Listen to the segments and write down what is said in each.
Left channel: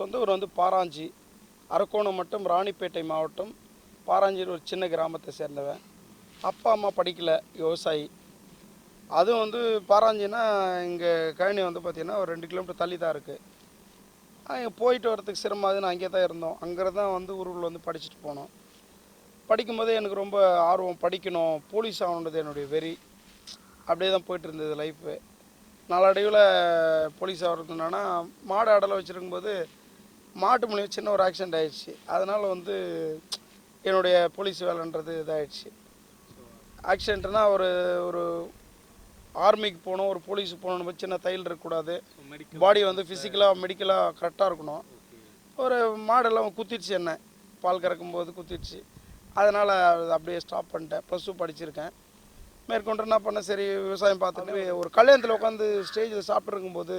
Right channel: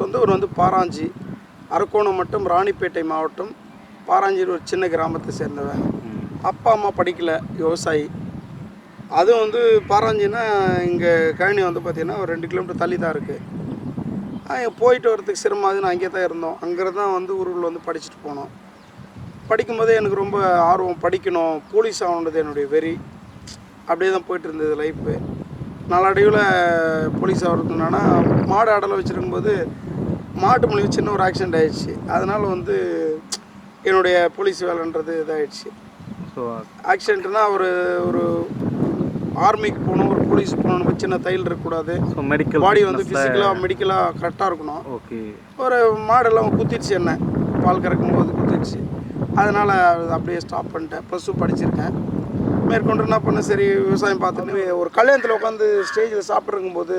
சொந்த ஊர் வந்து பாராஞ்சி, அரக்கோணம் மட்டும் ராணிப்பேட்டை மாவட்டம் பாராஞ்சியில் ஒரு சின்ன கிராமத்தை சேர்ந்தவன். அப்பா அம்மா படிக்கல, விவசாயி. அதுவும் வந்து பாராஞ்சின்னா இங்கே கழனி வந்து பார்த்திங்கன்னா ஒரு 2 கிலோமீட்டர் தள்ளி தான் இருக்குது. போயிட்டு வரதுக்கு சிரமமாகுதுன்னு அங்கே தான் இருந்தோம். அங்கே தான் வந்து ஊருக்குள்ள வந்து படிச்சுட்டு போனோம். படிக்கும்போதே எனக்கு ரொம்ப ஆர்வம், படிக்கணும், போலீஸ் ஆகணுன்றது என்னுடைய வெறி. அப்படியே தான் போயிட்டு இருந்தது லைஃப்பு. நாளடைவில் போலீஸ் ஆகிறதுனா மாடு ஆடலை வச்சுருக்கும்போது மாட்டு மூலியம் சின்ன ஒரு ஆக்சிடெண்ட் ஆகிடுச்சு. அதனால் வந்து என்னுடைய போலீஸ் வேலைன்றது இதாகிடுச்சு. ஸோ ஆக்சிடெண்ட்னா ஒரு ஒரு ஆர்மிக்கு போகணும், ஒரு போலீஸ் போகணும், சின்ன தையல் இருக்கக்கூடாது. ஸோ மெடிக்கல் பாடி வந்து ஃபிசிக்கலாக மெடிக்கலாக கரெக்டாக இருக்கணும். ஓகே. ஒரு மாடெல்லாம் குத்திடுச்சு, என்ன பால் கறக்கும்போது குத்திடுச்சு. அதனால் அப்படியே ஸ்டாப் பண்ணிட்டேன். +2 படிச்சிருக்கேன். மேற்கொண்டு என்ன பண்ணேன், சரி விவசாயம் பார்த்துட்டு ஒரு கல்யாணத்தில் உட்காந்து ஸ்டேஜில் சாப்பிட்ருக்கும்போது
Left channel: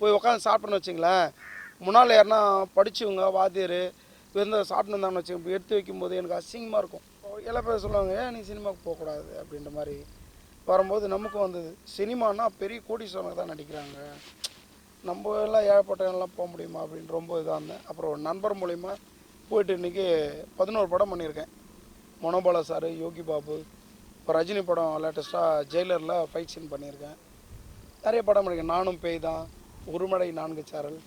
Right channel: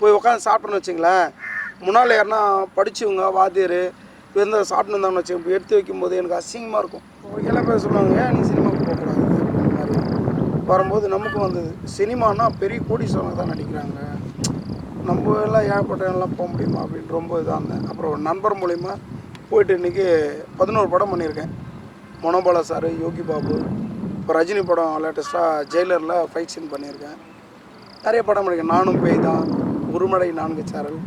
போய் உட்காந்து சாப்பிட்றேன்னு வச்சுங்களேன், முன்னால் யாருன்னா படித்தவங்க வாத்தியார் இருந்தால் சாப்பிட்டு இருந்தான்னு வச்சுக்கோங்க, எடுத்து வைக்கும்போது எனக்கு அசிங்கமாக இருக்கும். எல்லாம் பேர் சொல்லுவாங்க, ஏன் நீ சினிமாவுக்கு போகக்கூடாது அப்படின்ற மாதிரி வரும்போது நமக்கும் வந்தது. சினிமானா பெரிய கோடீஸ்வரங்க தான் நடிக்கிறாங்க, நம்ம எல்லாம் ஏற்பட்டெல்லாம் போக முடியுமா அப்படின்னு ரொம்ப இதாக இருந்தேன். அப்புறம் ஒரு நண்பர் மூலிமா போயிட்டு இன்றைக்கி 11 படம் பண்ணியிருக்கேன். மனோபாலா சார், யோகி பாபு, இப்போ ரஜினி படம் லேட்டஸ்ட்டாக ஜெயிலரில் ஃபைட் சீன் பண்ணியிருக்கேன். நிறைய படம் பண்ணியிருக்கேன். நானும் பேய் தான், ஒருமழை 4 சாரல்,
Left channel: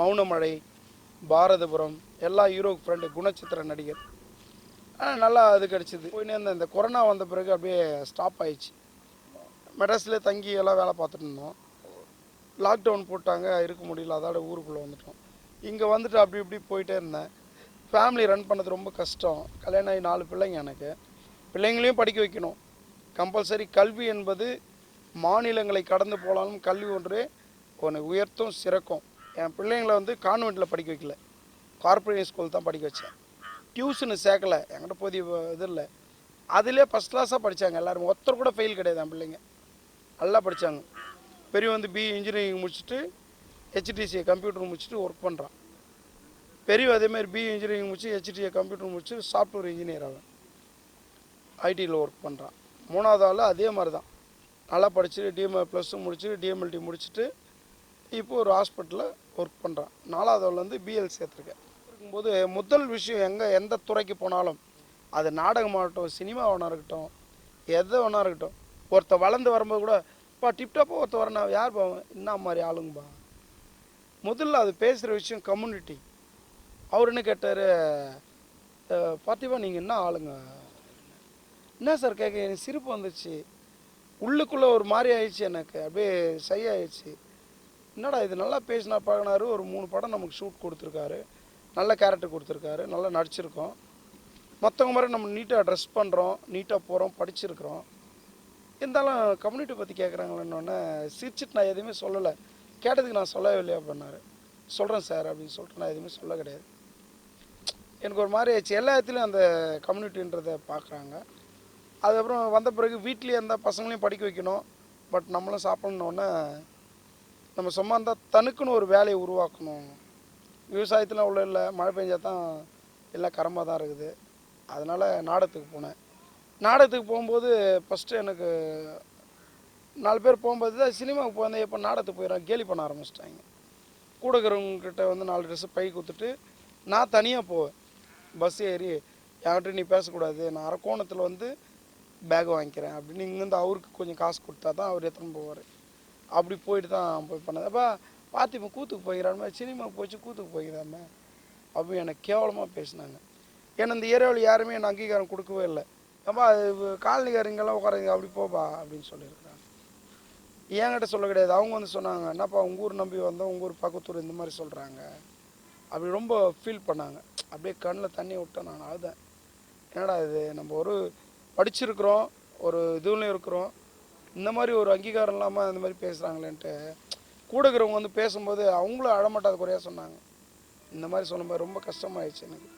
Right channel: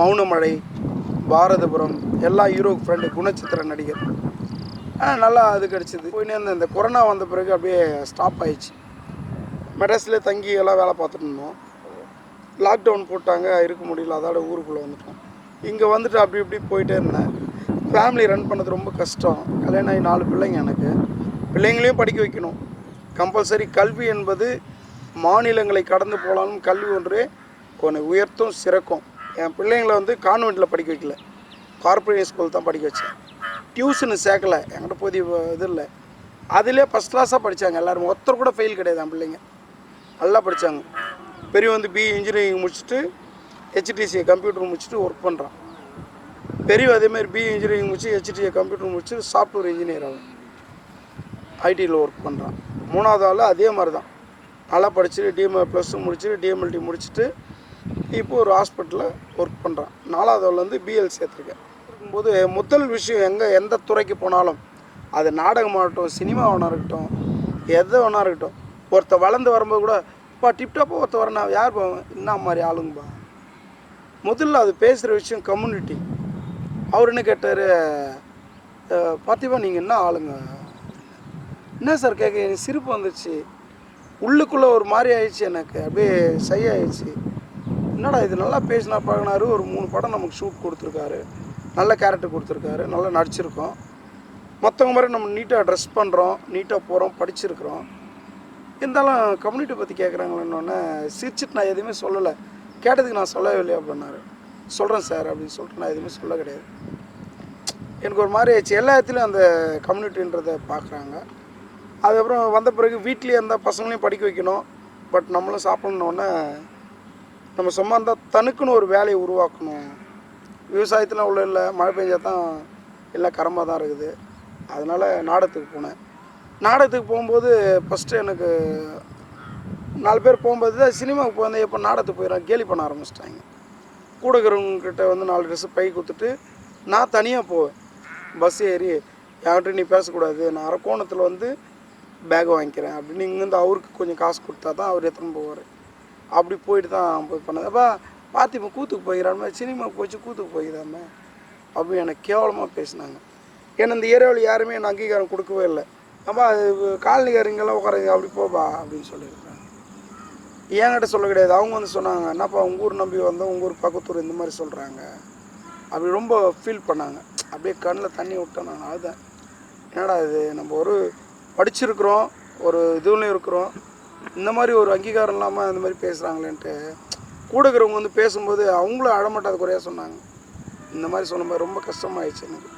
மௌனமழை, பாரதபுரம், எல்லா ஹீரோ ஃப்ரெண்டு, குணச்சித்திர நடிகர். நல்லா இது கிடச்சிது. போயினே இந்த கொரோனா வந்த பிறகு அப்படியே ஸ்டாப் ஆயிடுச்சு. மெட்ராஸ்லேயே தங்கி எல்லாம் வேலை பார்த்துட்டு இருந்தோம். லாக்டவுன் போட்டாங்க, இருக்க முடியல, அதோட ஊருக்குள்ளே வந்துட்டோம். இங்கே வந்துட்டு அப்படி இப்படி போயிட்டே இருந்தேன். ஃபேமிலி ரன் பண்ணது ரொம்ப கஷ்டம். கல்யாணம் ஆகி 4 பிள்ளைங்க எனக்கு. பிள்ளைங்களையும் படிக்க வைக்கணும். கம்பல்சரி கல்வி என்பது மாநிலங்களை கடந்து போனாலும் கல்வி ஒன்றே ஒன்று உயர்த்தும் சிறக்கும். என் பிள்ளைங்களை வந்து கான்வெண்ட்டில் படிக்க வைக்கல, கார்பரேட் ஸ்கூல் தான் படிக்க வச்சேன். டியூஷனு சேர்க்கலை, என்கிட்ட போதிய இது இல்லை. அதிலே ஃபஸ்ட் கிளாஸாக படித்தாங்க எல்லோரும். ஒருத்தர் கூட ஃபெயில் கிடையாது. என் பிள்ளைங்க நல்லா படித்தாங்க. பெரிய வந்து பிஇ இன்ஜினியரிங் முடிச்சுட்டு HTCA கம்ப்யூட்டர் முடிச்சுட்டு ஒர்க் பண்ணுறான். பெரிய அதேமாதிரி பிஇ இன்ஜினியரிங் முடிச்சு HTCA கம்ப்யூட்டர் முடிச்சு சாஃப்ட்வேர் இன்ஜினியர் ஆகும், ஐடியில் ஒர்க் பண்ணுறான். 3வது ஆள் அதே மாதிரி தான், நல்லா படிச்சுட்டு +2 முடிச்சுட்டு DMLT முடிச்சுட்டு இப்போ ஒரு ஹாஸ்பிட்டலில் ஒர்க் பண்ணுறான். 4வது ஆள் வந்து BL சேர்த்துருக்கேன். இருக்கும்போது முதல் விஷயம் எந்த துறைக்கு போனாலும், அது நாடகமாகட்டும், சினிமாவாக இருக்கட்டும், எது வேணா இருக்கட்டும், ஒருத்தர் வளர்ந்து வரும்போது கூட இப்போ டிப்டாப்பாக ஒருத்தர் வரேன், நான் யார் போவேன், என்ன மாதிரி ஆளுங்கப்பா, முதல்ல அது பேசுகிற விஷயம் கம்யூனிட்டி. அவர் என்ன கேட்டார், பார்த்திபா நீங்கள் என்ன ஆளுங்க, என்ன சார் கேட்க, எனக்கு சிரிப்பு வந்துச்சு. உள்ளுக்குள்ளே ஒரு மாதிரி ஆயிடுச்சு, எனக்கு அப்படியே சை ஆயிடுச்சு. என்னடா இது நல்லா பேசினா பழகினாரு. ஒரு 3 படம் நமக்கு ஷூட் கொடுத்துருக்காரு, நல்ல கேரக்டர் கொடுத்துருக்காரு, நல்லா நடிச்சிருக்கோம். மற்றவங்க மாதிரி நம்ம நீட்டாக ட்ரெஸ் பண்ணுறோம், நீட்டாக போகிறோம், படிச்சிருக்கிறோம். இருந்தாலும் கம்யூனிட்டி பற்றி கேட்குறாங்களேன்னொன்னே சிரிச்சிட்டு நான் எதுவுமே சொல்லலை. கேட்டதுக்கு நான் சொல்லவே இல்லையா அப்படின்னாரு. சொல்கிறேன் சார் அப்படின்னு சொல்லிட்டு நான் எதுவுமே சொல்ல கிடையாது. எனக்கு ஒரு மாதிரி ஆயிடுச்சு. எல்லா இடத்துலையும் அந்த கம்யூனிட்டின்றதை பார்க்குறாங்க. அதுக்கப்புறம் வந்த பிறகு வீட்லேயே இருந்தால் பசங்களையும் படிக்க வைக்கணும், பட் நம்மளும் சாப்பிட்ணுன்னொன்னே நம்ம சும்மா இருந்தால் தனக்குன்னு ஒரு வேலையை உருவாக்கணும். விவசாயத்தில் உள்ள இல்லை, மழை பெஞ்சால் தான் எல்லாம் கரமாக தான் இருக்குது. அதனால் நாடகத்துக்கு போனேன். நாடகத்துக்கு போகும்போது ஃபஸ்ட்டு எனக்கு 4 பேர் போகும்போது தான் சினிமாவுக்கு போயிருந்தேன். எப்போ நாடகத்துக்கு போயிடறாங்க, கேலி பண்ண ஆரம்பிச்சிட்டாங்க. கூட இருக்கிறவங்கக்கிட்ட வந்து 4 ட்ரெஸ்ஸு பை கொடுத்துட்டு நான் தனியாக போவேன். பஸ் ஏறி யார்கிட்ட நீ பேசக்கூடாது, நான் அரக்கோணத்தில் வந்து பேக் வாங்கிக்கிறேன் அப்படின்னு இங்கேருந்து அவருக்கு கொஞ்சம் காசு கொடுத்தா தான் அவர் எடுத்துன்னு போவார். அப்படி போயிட்டு தான் போய் பண்ணது. அப்போ பார்த்திப்பா கூத்துக்கு போய்கிறான் மாதிரி, சினிமாவுக்கு போச்சு கூத்துக்கு போய்கிறாம அப்படி எனக்கு கேவலமாக பேசினாங்க. ஏன்னா இந்த ஏரியாவில் யாருமே எனக்கு அங்கீகாரம் கொடுக்கவே இல்லை. அப்போ அது காலனிக்காரங்கெல்லாம் உட்கார அப்படி போப்பா அப்படின்னு சொல்லியிருக்காங்க. என்கிட்ட சொல்ல கிடையாது. அவங்க வந்து சொன்னாங்க, என்னப்பா உங்கள் ஊர் நம்பி வந்தோம், உங்கள் ஊர் பக்கத்தூர் இந்த மாதிரி சொல்கிறாங்க அப்படி ரொம்ப ஃபீல் பண்ணாங்க. அப்படியே கண்ணில் தண்ணி விட்டேன். நான் அழுதேன். என்னடா இது, நம்ம ஒரு படிச்சிருக்கிறோம், ஒரு இதுலையும் இருக்கிறோம், இந்த மாதிரி ஒரு அங்கீகாரம் இல்லாமல் இந்த மாதிரி பேசுகிறாங்களேன்ட்டு. கூட இருக்கிறவங்க வந்து பேசும்போது அவங்களும் அழமாட்டாத குறையாக சொன்னாங்க. இந்த மாதிரி சொன்னபோது ரொம்ப கஷ்டமாயிடுச்சு எனக்கு.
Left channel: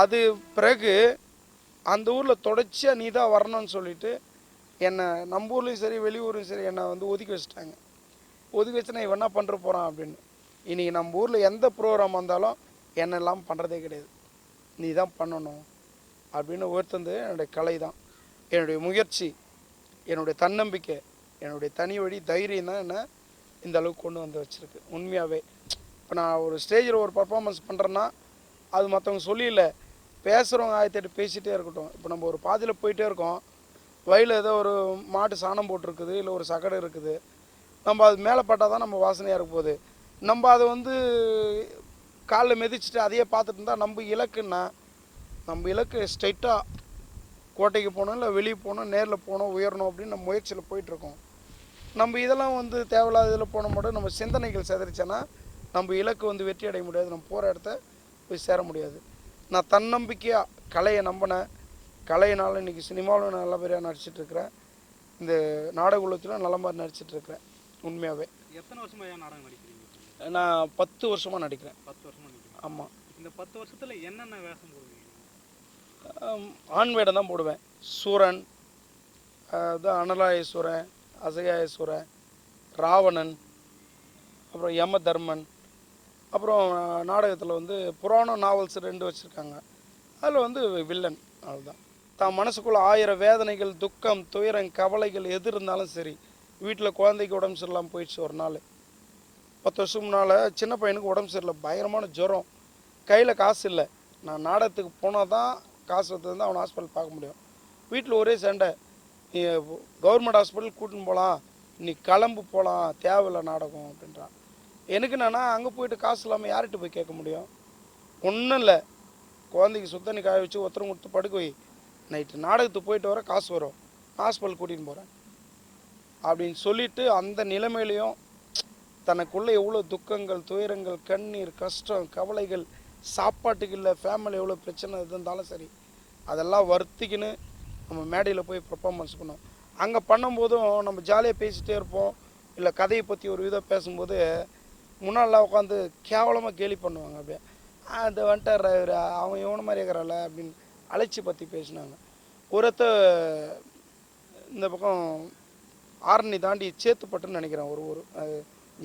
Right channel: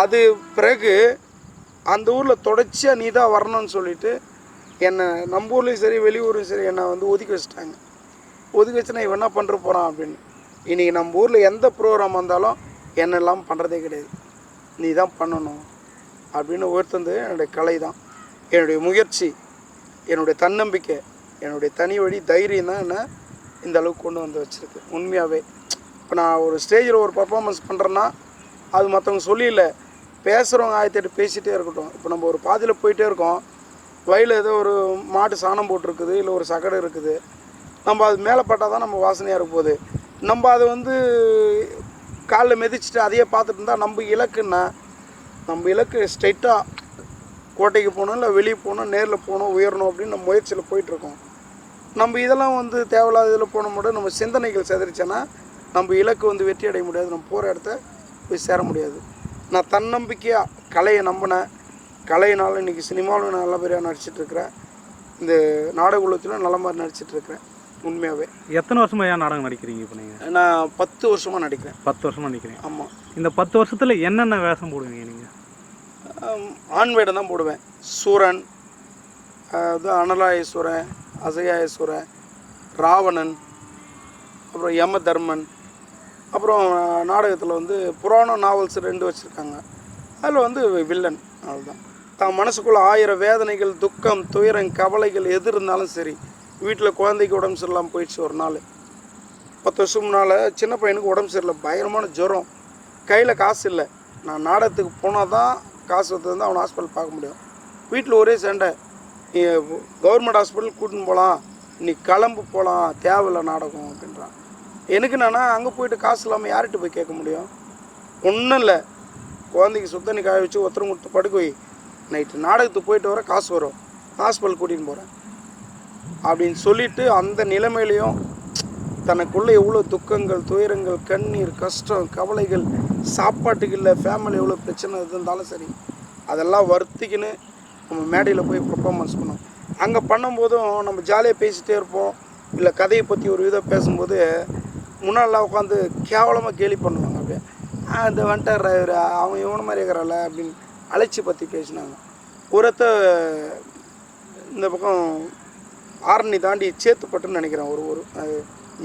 அது பிறகு அந்த ஊரில் தொடர்ச்சியாக நீ தான் வரணும்னு சொல்லிவிட்டு என்னை நம்ம ஊர்லேயும் சரி வெளியூர்லையும் சரி என்னை வந்து ஒதுக்கி வச்சுட்டாங்க. ஒதுக்கி வச்சு நான் இவன் என்ன பண்ணுற போகிறான் அப்படின்னு. இன்றைக்கி நம்ம ஊரில் எந்த ப்ரோக்ராம் வந்தாலும் என்ன எல்லாம் பண்ணுறதே கிடையாது, நீ தான் பண்ணணும் அப்படின்னு உயர்த்தது என்னுடைய கலை தான், என்னுடைய முயற்சி, என்னுடைய தன்னம்பிக்கை, என்னுடைய தனி வழி தைரியம் தான் என்னை இந்த அளவுக்கு கொண்டு வந்து வச்சுருக்கு உண்மையாகவே. இப்போ நான் ஒரு ஸ்டேஜில் ஒரு பர்ஃபார்மன்ஸ் பண்ணுறேன்னா அது மற்றவங்க சொல்லியில்லை, பேசுகிறவங்க 1008 பேசிகிட்டே இருக்கட்டும். இப்போ நம்ம ஒரு பாதியில் போயிட்டே இருக்கோம், வயலில் ஏதோ ஒரு மாட்டு சாணம் போட்டிருக்குது, இல்லை ஒரு சகடு இருக்குது, நம்ம அது மேலே பட்டால் தான் நம்ம வாசனையாக இருக்க போகுது. நம்ம அதை வந்து காலில் மிதிச்சுட்டு அதையே பார்த்துட்டு இருந்தால் நம்ம இலக்கு ஸ்ட்ரைட்டாக கோட்டைக்கு போகணும், இல்லை வெளியே போகணும், நேரில் போகணும், உயரணும் அப்படின்னு நம்ம முயற்சியில் போயிட்டுருக்கோம். நம்ம இதெல்லாம் வந்து தேவையில்லாத இதில் போன மட்டும் நம்ம சிந்தனைகள் செதறிச்சேன்னா நம்ம இலக்கு வந்து வெற்றி அடைய முடியாது, நம்ம போகிற இடத்த போய் சேர முடியாது. நான் தன்னம்பிக்கையாக கலையை நம்பினேன். கலையினால் இன்றைக்கி சினிமாவில் நல்ல பேராக நடிச்சிட்ருக்கிறேன், இந்த நாடக உலகத்தில் நல்ல மாதிரி நடிச்சிட்ருக்கிறேன். உண்மையாகவே எத்தனை வருஷமாக ஏன் நாடகம் நடிக்கிறீங்க? இப்போ நீங்கள்? நான் 10 வருஷமாக நடிக்கிறேன். 10 வருஷமாக நடிக்கிறேன். ஆமாம். இந்த 10 வருஷத்தில் என்னென்ன வேஷம் போடுவீங்க நீங்கள்? ஆண் வேடம் தான் போடுவேன். சூரன், அனலாயேஸ்வரன், அசகாயேஸ்வரன், ராவணன், அப்புறம் யமதர்மன், அப்புறம் நாடகத்தில் வந்து புராண நாவல்ஸ் 2 வச்சுருக்காங்க, அதில் வந்து வில்லன். அவ்வளோதான். தான் மனசுக்குள்ளே 1000 வேதனைகள், துக்கம், துயரம், கவலைகள் எது இருந்தாலும் சரி, வீட்டில் குழந்தைக்கு உடம்பு சரியில்லாமல் போயிடுச்சு. ஒரு நாள் 10 வருஷம் முன்னால் சின்ன பையனுக்கு உடம்பு சரியில்லை, பயங்கரமான ஜுரம், கையில் காசு இல்லை. நான் நாடகத்துக்கு போனால் தான் காசு வந்து அவனை ஹாஸ்பிட்டல் பார்க்க முடியும். வீட்டில் ஒரே சண்டை, நீ கவர்மெண்ட் ஹாஸ்பிட்டல் கூட்டின்னு போகலாம், நீ கிளம்பு போகலாம், தேவையில்லை நாடகம் அப்படின்றான். எனக்கு என்னன்னா அங்கே போயிட்டு காசு இல்லாமல் யார்கிட்ட போய் கேட்க முடியும்? ஒன்றும் இல்லை, குழந்தைக்கு சுத்தண்ணி காய வச்சு ஒருத்தரம் கொடுத்து படுக்க வை, நைட்டு நாடகத்துக்கு போயிட்டு வர காசு வரும், ஹாஸ்பிட்டல் கூட்டின்னு போகிறேன் அப்படின்னு சொல்லிவிட்டு அந்த நிலைமையிலையும் தனக்குள்ளே எவ்வளோ துக்கங்கள், துயரங்கள், கண்ணீர், கஷ்டம், கவலைகள், சாப்பாட்டுக்கு இல்லை, ஃபேமிலி எவ்வளோ பிரச்சனை இருந்தாலும் சரி, அதெல்லாம் வருத்திக்கின்னு நம்ம மேடையில் போய் பர்ஃபார்மன்ஸ் பண்ணோம். அங்கே பண்ணும்போதும் நம்ம ஜாலியாக பேசிகிட்டே இருப்போம், இல்லை கதையை பற்றி ஒரு விதம் பேசும்போது முன்னாடிலாம் உட்காந்து கேவலமாக கேலி பண்ணுவாங்க. அப்படியே அந்த வந்துட்டார் டிரைவர், அவன் இவன மாதிரி இருக்கிறாள் அப்படின்னு அழைச்சி பற்றி பேசினாங்க. ஒருத்த இந்த பக்கம் ஆரணி தாண்டி சேத்துப்பட்டுன்னு நினைக்கிறேன், ஒரு ஊர், அது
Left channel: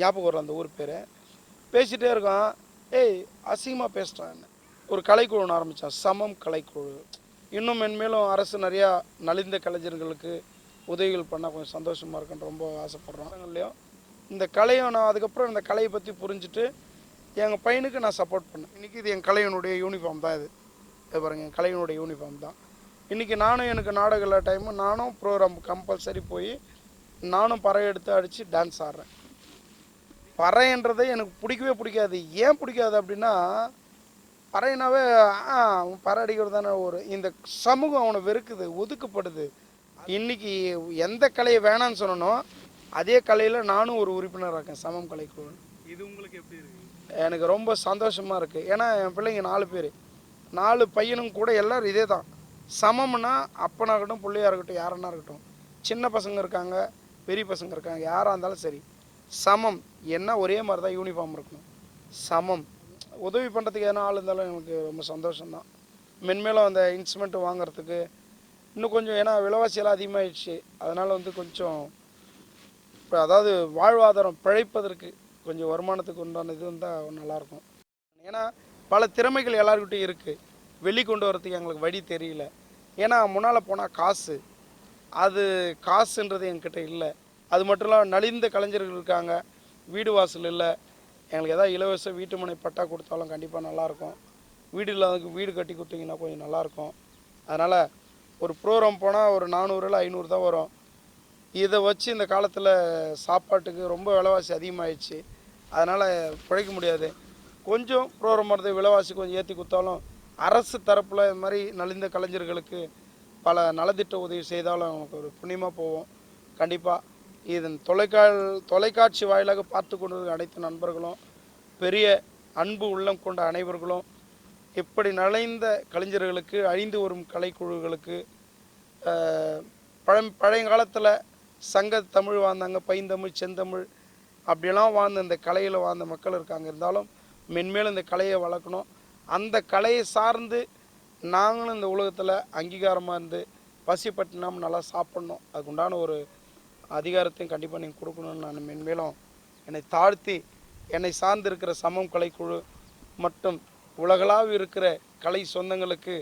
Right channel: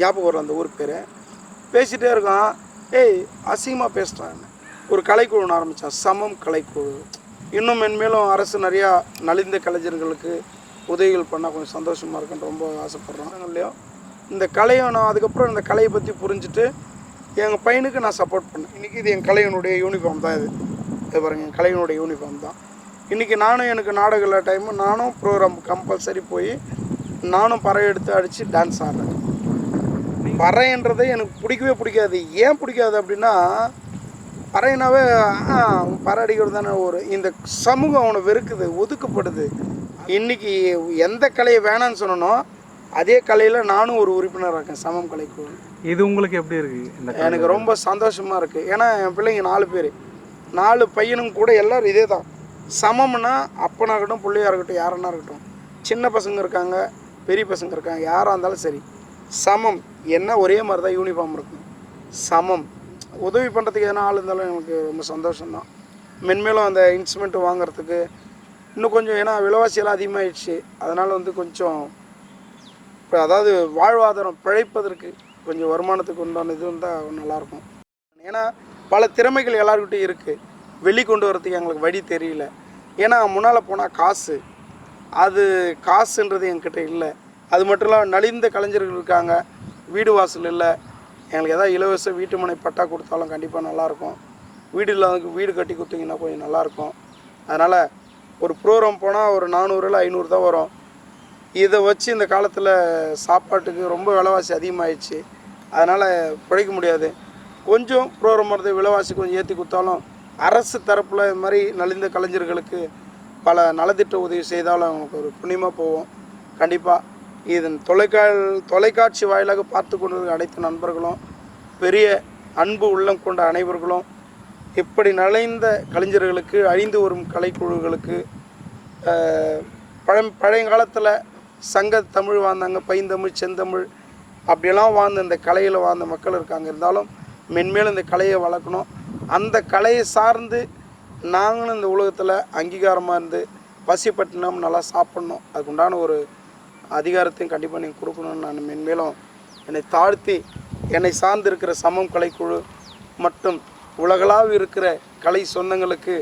ஞாபகம் வரும் அந்த ஊர் பேர். பேசிகிட்டே இருக்கான், ஏய் அசிங்கமாக பேசுகிறான். ஒரு கலைக்குழு ஆரம்பித்தான், சமம் கலைக்குழு. இன்னும் மென்மேலும் அரசு நிறையா நலிந்த கலைஞர்களுக்கு உதவிகள் பண்ணால் கொஞ்சம் சந்தோஷமாக இருக்குன்னு ரொம்ப ஆசைப்பட்றேன். இல்லையோ இந்த கலையை நான் அதுக்கப்புறம் இந்த கலையை பற்றி புரிஞ்சுட்டு எங்கள் பையனுக்கு நான் சப்போர்ட் பண்ணேன். இன்றைக்கி இது என் கலையினுடைய யூனிஃபார்ம் தான், இது பாருங்க என் கலையினுடைய யூனிஃபார்ம் தான். இன்றைக்கி நானும் எனக்கு நாடக டைமு நானும் ப்ரோக்ராம் கம்பல்சரி போய் நானும் பறை எடுத்து அடித்து டான்ஸ் ஆடுறேன். பறைன்றதை எனக்கு பிடிக்கவே பிடிக்காது. ஏன் பிடிக்காது அப்படின்னா, பறையினாவே பறை அடிக்கிறது தானே ஒரு இந்த சமூகம் அவனை வெறுக்குது, ஒதுக்கப்படுது. இன்றைக்கி எந்த கலையை வேணான்னு சொன்னனோ அதே கலையில் நானும் ஒரு உறுப்பினராக இருக்கேன், சமம் கலைக்குழு. இது உங்களுக்கு எப்படி இருக்குது? எனக்கு ரொம்ப சந்தோஷமாக இருக்குது. ஏன்னா என் பிள்ளைங்க 4 பேர், 4 பையனும் கூட எல்லோரும் இதே தான். சமம்னா அப்பனாக இருக்கட்டும், பிள்ளையாக இருக்கட்டும், யாருன்னா இருக்கட்டும், சின்ன பசங்க இருக்காங்க, பெரிய பசங்க இருக்காங்க, யாராக இருந்தாலும் சரி, சமம். என்ன ஒரே மாதிரி தான் யூனிஃபார்ம் இருக்கும், சமம். உதவி பண்ணுறதுக்கு எதனா ஆள் இருந்தாலும் எனக்கு ரொம்ப சந்தோஷம்தான். மென்மேலும் அந்த இன்ஸ்ட்ருமெண்ட்டு வாங்குறதுக்கு இன்னும் கொஞ்சம், ஏன்னா விலைவாசியெல்லாம் அதிகமாகிடுச்சு, அதனால் வந்து கொஞ்சம் இப்போ அதாவது வாழ்வாதாரம் பிழைப்பதற்கு கொஞ்சம் வருமானத்துக்கு உண்டான இது வந்தால் நல்லாயிருக்கும். ஏன்னா பல திறமைகள் எல்லாருக்கிட்டையும் இருக்குது, வெளிக்கொண்டு வரதுக்கு எங்களுக்கு வழி தெரியல. ஏன்னா முன்னால் போனால் காசு, அது காசுன்றது என்கிட்ட இல்லை. அது மட்டும் இல்லாமல் நலிந்த கலைஞர்கள் இருக்காங்க, வீடு வாசல் இல்லை. எங்களுக்கு எதாவது இலவச வீட்டு மனை பட்டா கொடுத்தாலும் கண்டிப்பாக நல்லாயிருக்கும். வீடு இல்லாதவங்க வீடு கட்டி கொடுத்தீங்கன்னா கொஞ்சம் நல்லாயிருக்கும். அதனால் ஒரு ப்ரோக்ராம் போனால் ஒரு 400 இல்லை 500 தான் வரும். இதை வச்சு இந்த காலத்தில் சாப்பாட்டுக்கு ரொம்ப விலைவாசி அதிகமாகிடுச்சு, அதனால் பிழைக்க முடியாது. கொஞ்சம் ப்ரோக்ராம் வரது விலைவாசி கொஞ்சம் ஏற்றி கொடுத்தாலும் அரசு தரப்பில் இது மாதிரி நலிந்த கலைஞர்களுக்கு பல நலத்திட்ட உதவி செய்தாலும் அவங்களுக்கு ஒரு புண்ணியமாக போவோம். கண்டிப்பாக இதன் தொலைக்காட்சி வாயிலாக பார்த்து கொண்டு அனைத்து நண்பர்களும், பெரிய அன்பு உள்ளம் கொண்ட அனைவர்களும், இப்படி நலிந்த கலைஞர்களுக்கு, அழிந்து வரும் கலைக்குழுக்களுக்கு, பழைய காலத்தில் சங்க தமிழ் வாழ்ந்தாங்க, பைந்தமிழ், செந்தமிழ் அப்படியெல்லாம் வாழ்ந்த இந்த கலையில் வாழ்ந்த மக்கள் இருக்காங்க. இருந்தாலும் மென்மேலும் இந்த கலையை வளர்க்கணும். அந்த கலையை சார்ந்து நாங்களும் இந்த உலகத்தில் அங்கீகாரமாக இருந்து பசிப்பட்டினம் நல்லா சாப்பிட்ணும். அதுக்குண்டான ஒரு அதிகாரத்தையும் கண்டிப்பாக நீங்கள் கொடுக்கணும்னு நான் மென்மேலும் என்னை தாழ்த்தி, என்னை சார்ந்து இருக்கிற சமம் கலைக்குழு மற்றும் உலகளாக இருக்கிற கலை சொந்தங்களுக்கு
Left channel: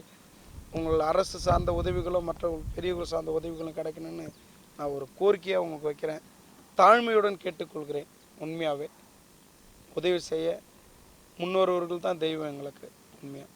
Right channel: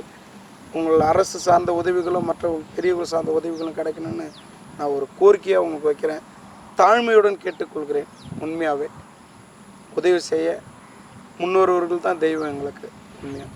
உங்கள் அரசு சார்ந்த உதவிகளும் மற்ற பெரியவர்கள் சார்ந்த உதவிகளும் கிடைக்கணும்னு நான் ஒரு கோரிக்கையாக உங்களுக்கு வைக்கிறேன். தாழ்மையுடன் கேட்டுக்கொள்கிறேன். உண்மையாகவே உதவி செய்ய முன்னோர்கள் தான் தெய்வம் எங்களுக்கு உண்மையாக.